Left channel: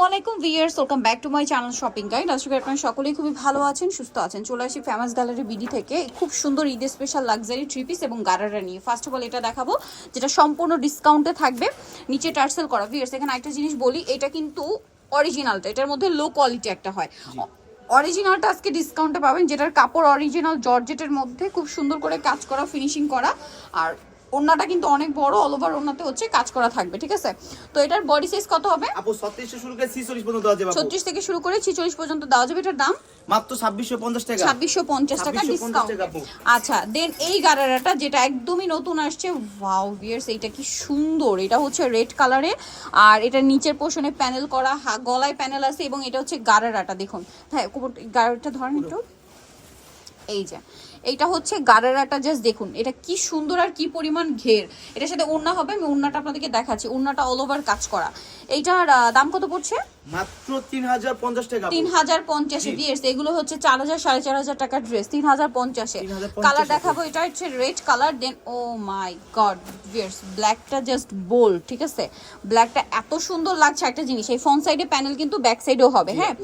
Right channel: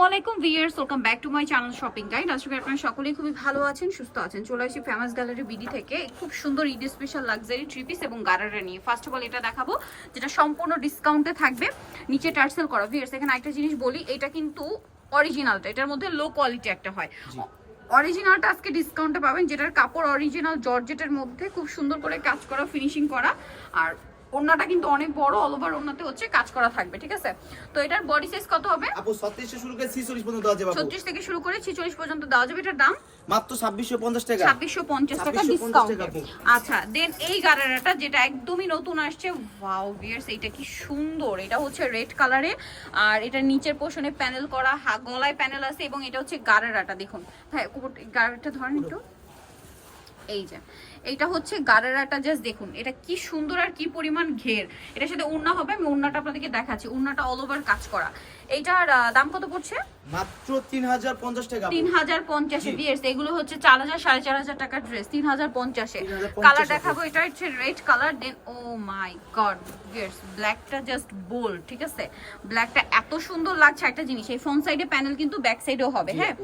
আসসালামু আলাইকুম viewers, welcome back to my channel shopping guide. আশা করি আপনারা সকলেই খুবই ভালো আছেন, সুস্থ আছেন। চলে আসি ফেমাস গ্যালারি বিডি থেকে খুব সুন্দর Eid special luxury three piece এবং গারারা নিয়ে। ফার্স্ট অফ অল এটা দেখাবো যেটা সম্পূর্ণ ডিসকাউন্টে থাকবে, নিচে টার্সেল করা। ভিউয়ার্স এখানে একটা জিনিস বলি, এটা কিন্তু অরিজিনালটা, এটার মধ্যে লো কোয়ালিটি একটা হয়। অরিজিনালটা আজকে ডিসকাউন্টে পাবেন, যেটার কাপড় অরিজিনাল জর্জেটের মধ্যে খুব সুন্দর করে কাজ করা, ফিনিশিং করা। আর ওন্নাটা কিন্তু অনেক বড়, অল ওভার ওন্নাতে হচ্ছে কাজ করা থাকবে, ঠিক আছে? তো এটার বডি সাইজ কত হবে আপু? 36 থেকে শুরু করে 46 পর্যন্ত দেওয়া যাবে। 36 থেকে শুরু করে 46 পর্যন্ত দেওয়া যাবে। এটার দাম মাত্র 2650 টাকা। 2650 টাকা ডিসকাউন্ট। আচ্ছা, দেন এই গারারাটা যেটা একদমই নতুন আসছে, ওয়াও ভিউয়ার্স এটা কি সুন্দর! এটা হচ্ছে রেড কালারে, আর এটা নিচের পোর্শনে প্যানেল করা, গলায় প্যানেল আছে, এবং এটা হচ্ছে গারারাটা দেখুন। হ্যাঁ, গারারাটা ধরেন একটু। এই যে এইটা হচ্ছে গারারাটা, জাস্ট দেখুন এটা কি সুন্দর আর কি পরিমাণ ঘের। এটার সাথে ওড়না হবে, আমি ওড়নাটা আপনাদেরকে দেখাচ্ছি। ওড়নাটা অল ওভার কাজ করা। এইটার দাম কত পড়ছে? মাত্র 3050 টাকা। 3050 এ ভিউয়ার্স, এগুলো হচ্ছে 4000 4500 টাকার ড্রেস 3050 এ। কালার দেখাবো, এটা হচ্ছে রেড কালার। দেন ও মাই গড ভিউয়ার্স, ব্ল্যাকটা জাস্ট বোল্ড, ঠিক আছে? ব্ল্যাকটা এত সুন্দর লাগছে। একটা জিনিস, এই ফ্রন্ট সাইডে প্যানেল কিন্তু ব্যাক সাইডেও হবে, হ্যাঁ।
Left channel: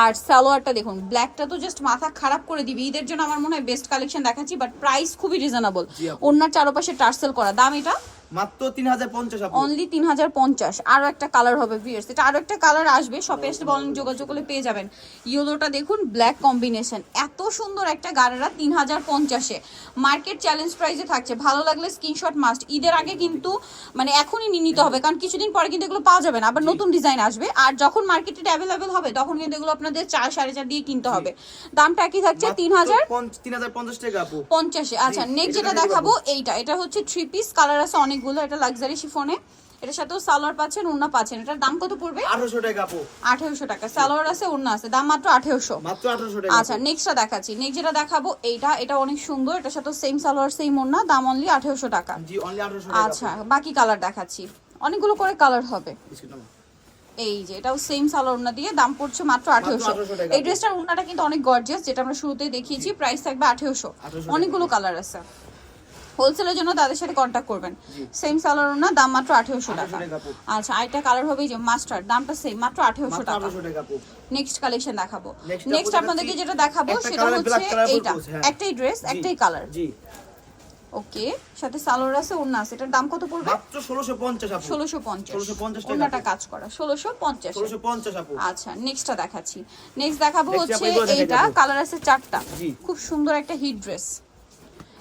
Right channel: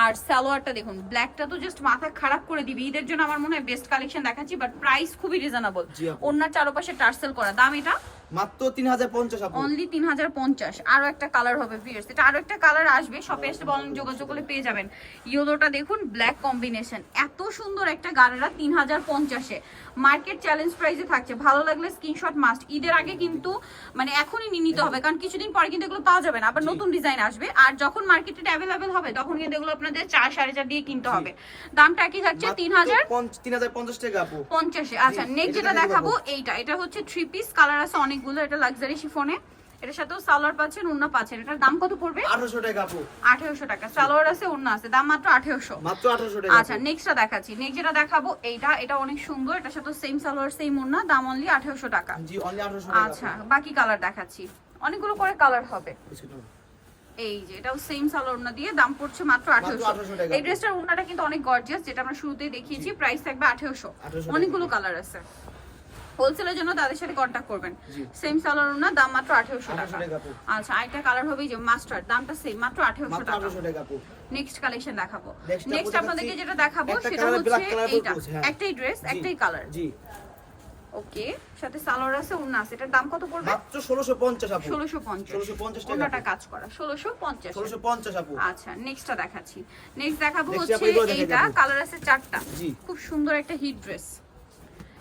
আর সালোয়ারটা দেখুন, ব্ল্যাকটা তো জাস্ট মাথা খারাপ করে দিবে। ঈদের জন্য আমার মনে হয় বেস্ট কালেকশন দেখাচ্ছি, বাট প্রাইস খুবই রিজনেবল। ওনার চারপাশে টার্সেল করা। দাম এটা মাত্র 3050 আপু, অনলি 3050। আরো একটা কালার হবে ভিউয়ার্স, এটা আরো একটা কালার আসবে, শপে এসে বলেন, যোগাযোগ করলে পেয়ে যাবেন। ইয়েলোটা দেখুন, ব্ল্যাক কম্বিনেশন, এত সুন্দর একটা গারারা 3050 এ। মার্কেট চ্যালেঞ্জ প্রাইসে থাকছে। ভালো লাগলে স্ক্রিনশট মাস্ট। ঈদের আগে কিন্তু মানে এখনই নিয়ে নিতে হবে, কারণ কিছুদিন পরে কিন্তু এগুলো পাওয়া যাবে না, আবার নতুন ডিজাইন আসবে। আর যখন মার্কেটে অ্যাভেলেবেল হবে তখন কিন্তু এগুলো আপনাদের 4 4.5 দিয়ে কিনতে হবে। দামটা কি থাকছে? 3050 টাকা আপু, 50 এ। আচ্ছা, নেক্সট যেটা দেখাবো এটা হচ্ছে থ্রি পিস, কালার আছে অনেকগুলো। এটা লাক্সারি শিফনে, এটার সাথেও সালোয়ার পাচ্ছেন, ওড়না পাচ্ছেন। এটার দাম কত পড়বে? 1800 টাকা আপু। 1800 টাকা। সালোয়ার আছে, ওড়না আছে, দাম মাত্র 1800। মাত্র 1800 টাকা। আচ্ছা, নেক্সটটা দেখাচ্ছি। নেক্সট যেটা দেখাবো এটা অনেক সুন্দর। এটার সাথে সেম সালোয়ার সেম ওড়না, দাম অনলি 1800 টাকা। জি, অনলি 1800 টাকা। আচ্ছা, বাকি কালার দেখাচ্ছি, অনেকগুলো করে কালার হবে। এই যে এটাও সেম সালোয়ার ওড়না দিয়ে, দাম পড়ছে মাত্র 1800 টাকা। এই ড্রেসটার ওড়নাটা কিন্তু অনেক গর্জিয়াস, যেটা আমরা শুরুতেই দেখিয়েছি। প্রাইস থাকবে 1800। অনেকগুলো কালার আছে। হোলসেলের জন্য তাদের সাথে কন্টাক্ট করবেন। সেম সালোয়ার ওড়না, দাম মাত্র 1800 টাকা। আচ্ছা, আরেকটা কালার হবে যে মাস্টার্ড, দামটা সেম, মাত্র 1800 টাকা। নেক্সট কালেকশন দেখাবো। নেক্সট আপনাদেরকে যেটা দেখাবো সেটা হচ্ছে এইটা, একটাই ড্রেস একটাই কালার। জি, ওকে, সাথে সালোয়ার আছে, ওড়না আছে। এটার দাম কত পড়বে? মাত্র 1650 আপু। 1650 টাকা। ওড়নাটা কাজ করা 1650 আপু। আচ্ছা, নেক্সটটা দেখাচ্ছি। নেক্সট দেখাবো হচ্ছে এইটা, কালার আছে 4টা। খুব সুন্দর একটা হিট ড্রেস।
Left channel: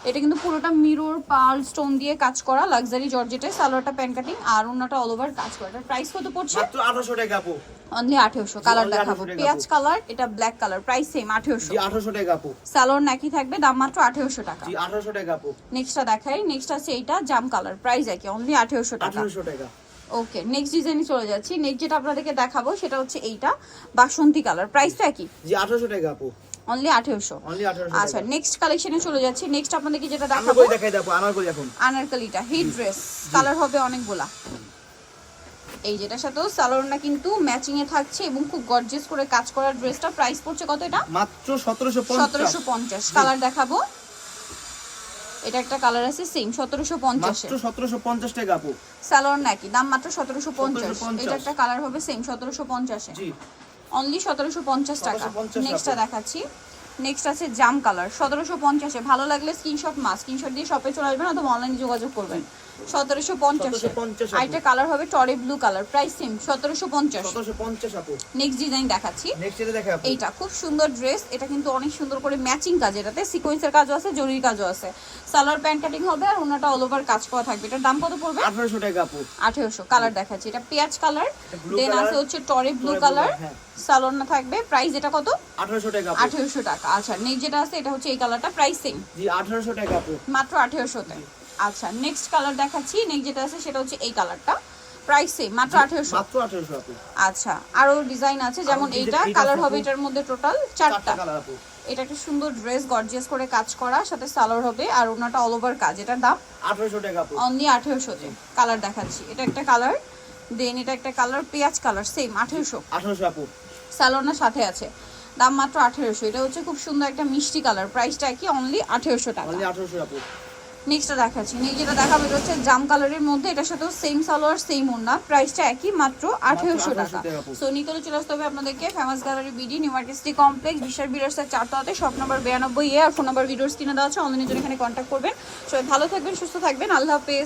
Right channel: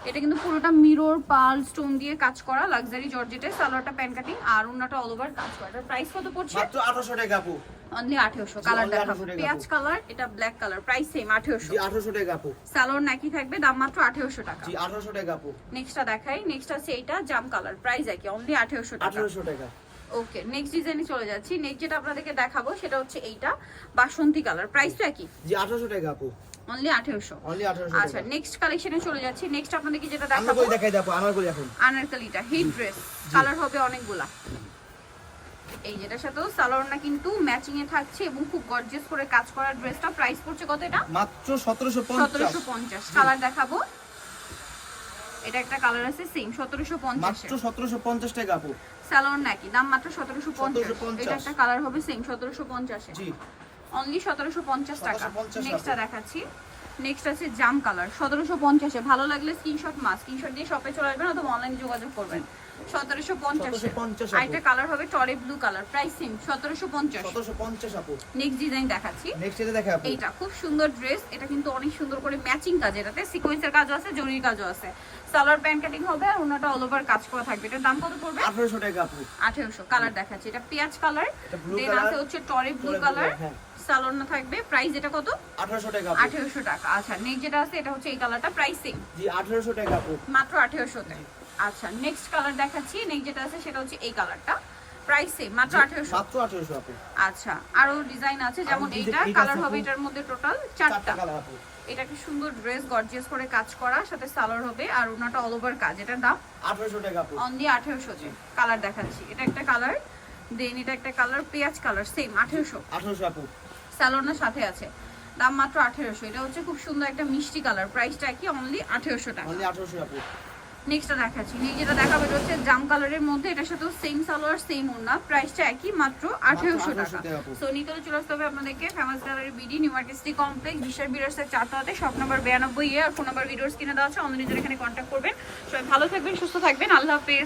এটা কিন্তু পুরোটা মিরর পার্ল স্টোন দিয়ে কাজ করা, লাক্সারি জর্জেটে। সালোয়ারটা প্যান্ট কাটিং, আর ওড়নাটা অল ওভার কাজ করা। এর প্রাইস কত পড়ছে? মাত্র 1800 টাকা আপু। অনলি 1800। কালার দেখাবো, পেঁয়াজ কালার, এটা ব্ল্যাক কালার, প্রাইস সেম 1800। জি, 1800 টাকা আপু। সালোয়ার নাকি থাকবে, দাম মাত্র 1800 টাকা। জি, 1800 টাকা আপু। নেক্সটটা দেখাই। নেক্সট আছে এইটা জাম কালার, প্রাইস একই, অনলি 1800 টাকা। 1800 টাকা। ওকে, নেক্সট ডিজাইনে চলে যাচ্ছি। নেক্সট যেটা আপনাদেরকে দেখাবো সেটা হচ্ছে এইটা বাসন্তী কালার, প্রাইসটা একই। জি, 1800 টাকা আপু। অনলি 1800। অনলি 1800 আচ্ছা, নেক্সট কালেকশনে চলে যাচ্ছি। নেক্সট আপনাদেরকে যেটা আমরা দেখাবো, কই দেখাই দাও আনারকলি। এখন আনারকলিটা হিট ড্রেস, কালার হবে অনেকগুলা। এই যেটার সাথেও সালোয়ারটা কিন্তু ম্যাচিং এ থাকছে এবং খুব গর্জিয়াস করে কাজ করা ড্রেসটা। প্রাইস পড়ছে কত এটা? মাত্র 1750। 1750। কালার দেখাবো, এটা একটা কালার আছে সেম 1750 মাত্র 1750 টাকা আপু। সালোয়ার নাকি, দাম মাত্র 1750। এটা একটা কালার হবে সেম 1750 এ। জি, অনলি 1750 টাকা। 1750 নেক্সটটা দেখাচ্ছি। নেক্সট আছে জাম কালার 1750 এ। ভালো লাগলে স্ক্রিনশট স্ক্রিনশট দিয়ে শপে চলে আসবেন, অথবা অনলাইনে যোগাযোগ করবেন। 1750। আরেকটা কালার হবে টরে ব্লু কালার, প্রাইস সেম 1750। 1750 আপু। নেক্সট ডিজাইন দেখাচ্ছি। নেক্সট এটা দেখা আপু। এইটা খুব সুন্দর ড্রেস, এটা কিন্তু অনেক সুন্দর করে ম্যাচিং কাজ, এটাতে সিকোয়েন্সের কাজও আছে, জরির কাজও আছে। সালোয়ার প্যান্ট কাটিং হবে, আর ওনাটা অল ওভার কাজ করা থাকবে। এটার দাম কত পড়বে? 1800 টাকা আপু। 1800। কালার দেখাচ্ছি, এটা পেঁয়াজ কালার, দেন আছে হচ্ছে টরে ব্লু কালার, সালোয়ার না থাকবে। প্রাইস এটা কত? 1800 টাকা আপু। 1800 টাকা। আচ্ছা, নেক্সট যেটা আছে এটা হচ্ছে এই কালারটা, প্রাইস সেম। জি, 1800 টাকা আপু। মাত্র 1800 তে। আচ্ছা, নেক্সট কালার দেখাচ্ছি। নেক্সট যেটা আছে সেটা হচ্ছে এই কালারটা, প্রাইস সেম, মাত্র 1800। মাত্র 1800 আপু। আচ্ছা, আরো ডিজাইন আছে, যেমন এইটা কালার হবে, এটার মধ্যে টোটাল 4টা কালার আপু। এটা একটা সুন্দর ড্রেস, গর্জিয়াস করে কাজ করা, সাথে সালোয়ার হবে, আর ওনাটা অল ওভার কাজ। এটার দাম 1800 টাকা আপু। অনলি 1800 তে। কালার দেখাচ্ছি, এটা একটা কালার, দেন এটা একটা কালার, পেঁয়াজ কালার, সেম 1800। 1800 আপু। সালোয়ার সাথে আছে, দাম মাত্র 1800। এটা হচ্ছে খুব সুন্দর একটা মিষ্টি কালার, প্রাইসটা কি? অনলি 1800 টাকা। অনলি 1800 আপু। নেক্সটটা দেখাচ্ছি, নেক্সট যেটা দেখাবো এটা হচ্ছে জাম কালারের মধ্যে, এটার সাথেও সেম সালোয়ার সেম ওড়না, প্রাইসটা একই মাত্র 1800 টাকা। 1800 টাকা। সো নিতে হলে চলে আসতে হবে আপনাদেরকে famous gallery BD new market city complex বিশাল বিরাসের 4তলাতে, শপ নাম্বার 92 এ, আর ফোন নাম্বার ভিডিওর স্ক্রিনে দেওয়া আছে, অনলাইনের জন্য এখানে কন্ট্যাক্ট করবেন। সবাই ভালো থাকবেন, সুস্থ থাকবেন, আল্লাহ হাফেজ।